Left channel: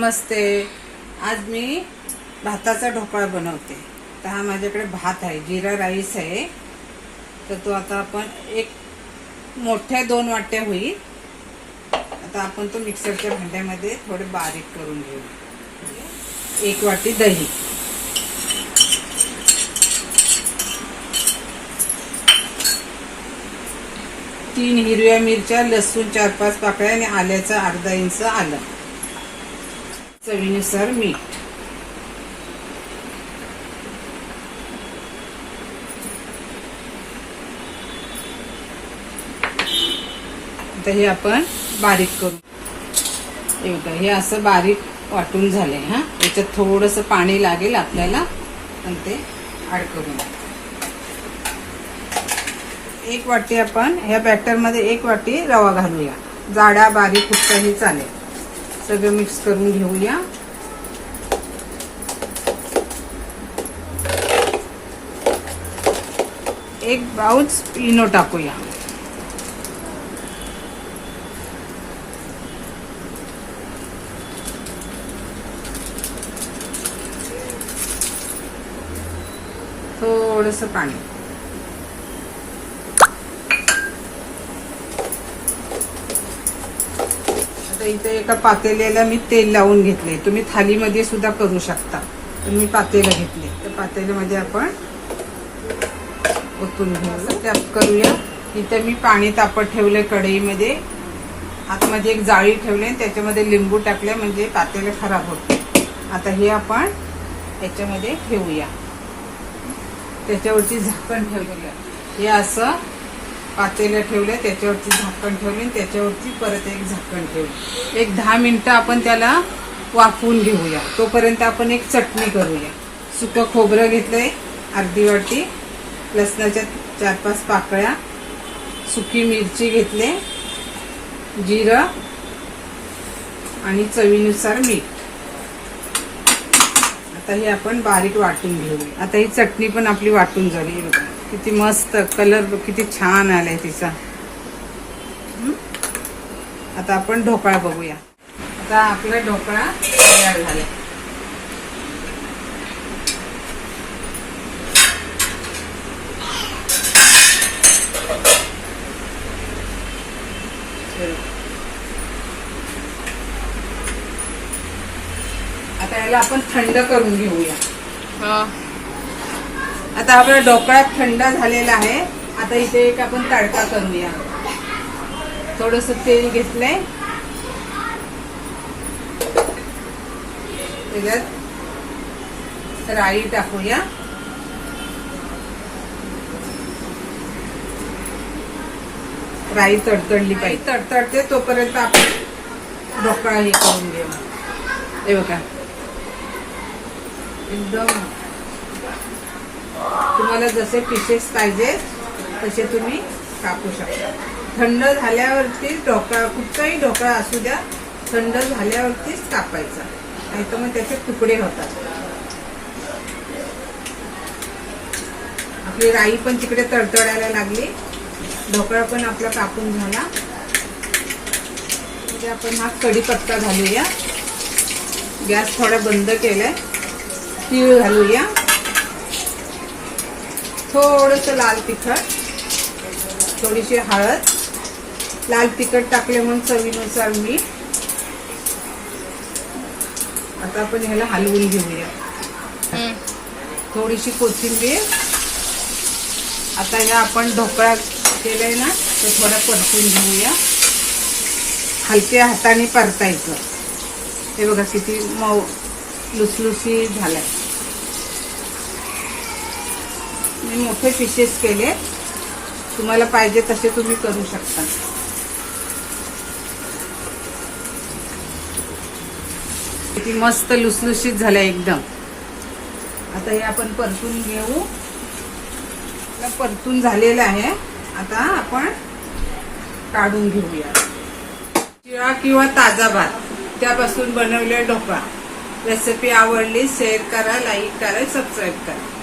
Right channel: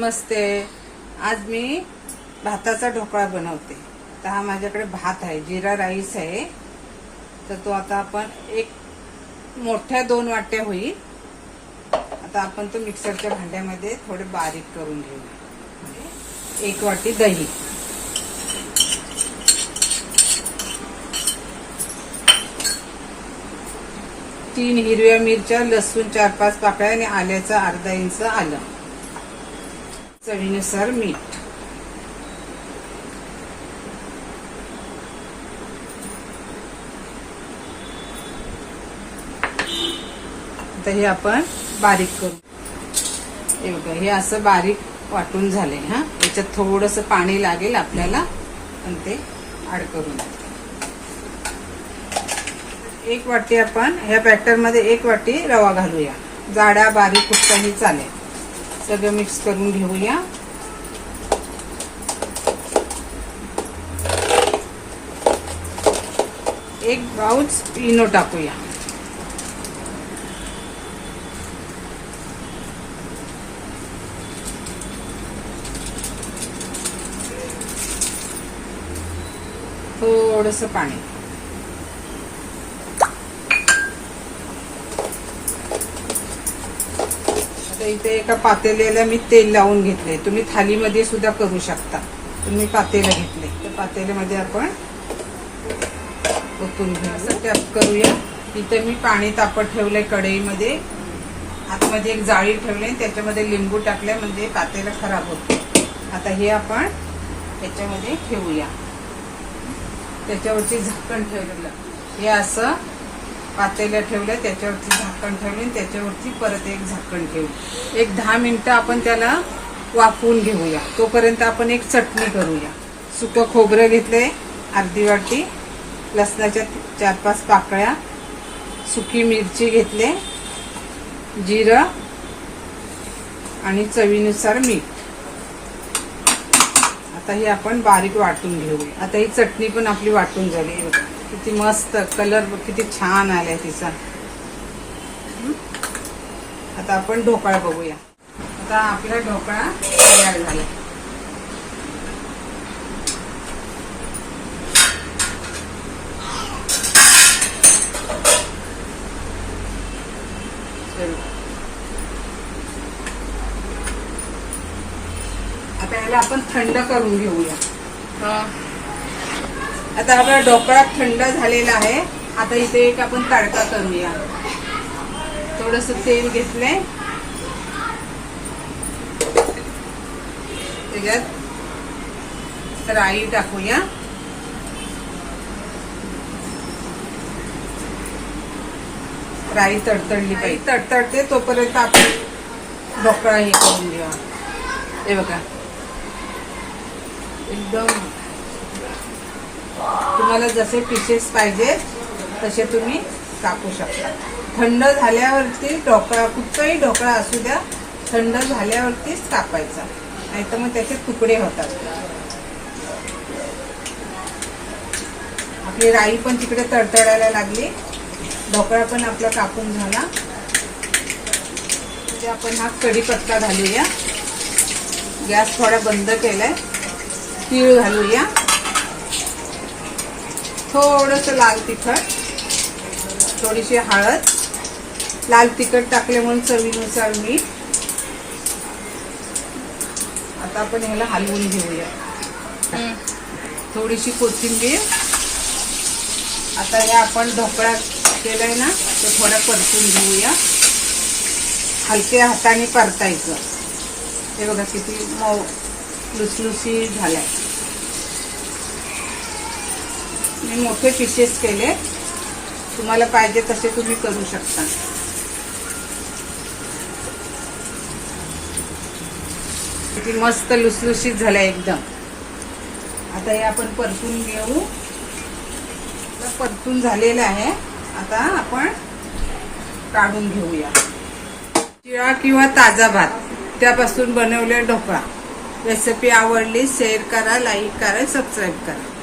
नमस्ते. आज मी भाताचा ढोकळा बनवते. तर हा माझ्याकडे भात आहे, जिरा राईस आहे. तर तो आता आपण एक मोठ्या 2 वाट्या होईल. आता आपण तो मिक्सरच्या भांड्यामध्ये थोडे बारीक करून घेऊ. 1 वाटी दही, 3 हिरव्या मिरच्या, लसूण 4-5 पाकळ्या आणि आल्याचं अर्धा इंच आलं, चवीनुसार मीठ. आता हे आपण बारीक करू. हे बघा, हे असं बारीक वाटून झाले. याच्यात थोडंसं पाणी लागेल आपल्याला, पण ते ऍड करून 1 वाटी आपण ह्या बॅटर मध्ये 1 वाटी रवा घालूया. जाडा बारीक कुठचाही चालेल. सगळं मिक्स करून घेऊया. एक पाऊच इनो टाकूया. थोडंसं पाणी. इथे एका पातेल्याला मी तेल लावून घेतले. तुम्ही थालीमध्ये सुद्धा करू शकता. तुम्ही पातेलं घेतले तर पातेल्यामध्ये आपण ओतून घेऊ. टॅप करूया. इथे मी पाणी तापत ठेवलंय कढईमध्ये. आतमध्ये एक जाळी ठेवली, त्याच्यामध्ये लिंबू टाकले म्हणजे पातेलं खराब होते. आता हे आपण त्याच्यामध्ये ठेवूया. त्याच्यावरती झाकण ठेवलेलं. हे असं पातेलं ठेवलं, त्याच्यावरती झाकण ठेवले, त्याच्यावरती परत एक झाकण ठेवलं. एक 10 मिनिटं आपण त्याला वाफवून घेऊया. तोपर्यंत आपण एक चटणी करूया. सुकं खोबरं घेतलंय अर्धी वाटी, लसणाच्या 4-5 पाकळ्या, सुकी मिरची घेतले, जिरं आणि चवीनुसार मीठ. आता हे आपण बारीक वाटून घेऊया. आता ही चटणी पण आपली वाटून झाली. बघा किती मस्त कलर, किती छान आलाय तिचा. आता आपण ढोकळा बघूया. आता आपला ढोकळा तयार झाला. आता याला आपण थंड करून घेऊया. आता आपला ढोकळा थंड झालेला आहे. आता इथे एक आपण तडका करूया. थोडस तेल घेतलंय, त्याच्यात राई टाकूया. राई तडतडली पाहिजे. तडतडते तोपर्यंत आपण ढोकळा हे करून घेऊ. हे बघा, एकदम तुम्हाला जसे पीसेस पाहिजे तसे तुम्ही कापू शकता. थंड झाल्यावरती ढोकळा, कुठचाही ढोकळा असू द्या, थंड झाल्यावरतीच कापायचा, नाहीतर मग त्याचे तुकडे होतात. आपली राई पण तिकडे तडतडायला लागली. ढोकळा पण आपला कापून झाला. म्हणजे आपण हा कढीपत्ता घालूया. गॅस थोडा बंद केलाय. तीळ घालूया. थोडंसं लाल तिखट, थोडीशी हळद, लाल तिखट टाकले म्हणून चवीनुसार मीठ. आता आपण ह्याला हलवून घेऊया. थोडीशी कोथिंबीर. आता हे आपण ढोकळा केलाय ना, तो थोडा परतून घेऊया. हलक्या हाताने परतायचं. हे बघा किती मऊ लुसलुसी झालाय. मी मोठे पीसेस केले, तुम्हाला पाहिजे तसे तुम्ही करू शकता. किती मस्त लुसलुशीत झाले एकदम. आता हे आपण परतून घेऊ. परतून झालेलं आहे. आता आपण काढून घेऊया. शिळा किंवा ताजा भात त्यापासून बनवलेला ढोकळा. रेसिपी आवडली शेअर करा, लाईक करा, सबस्क्राईब करा.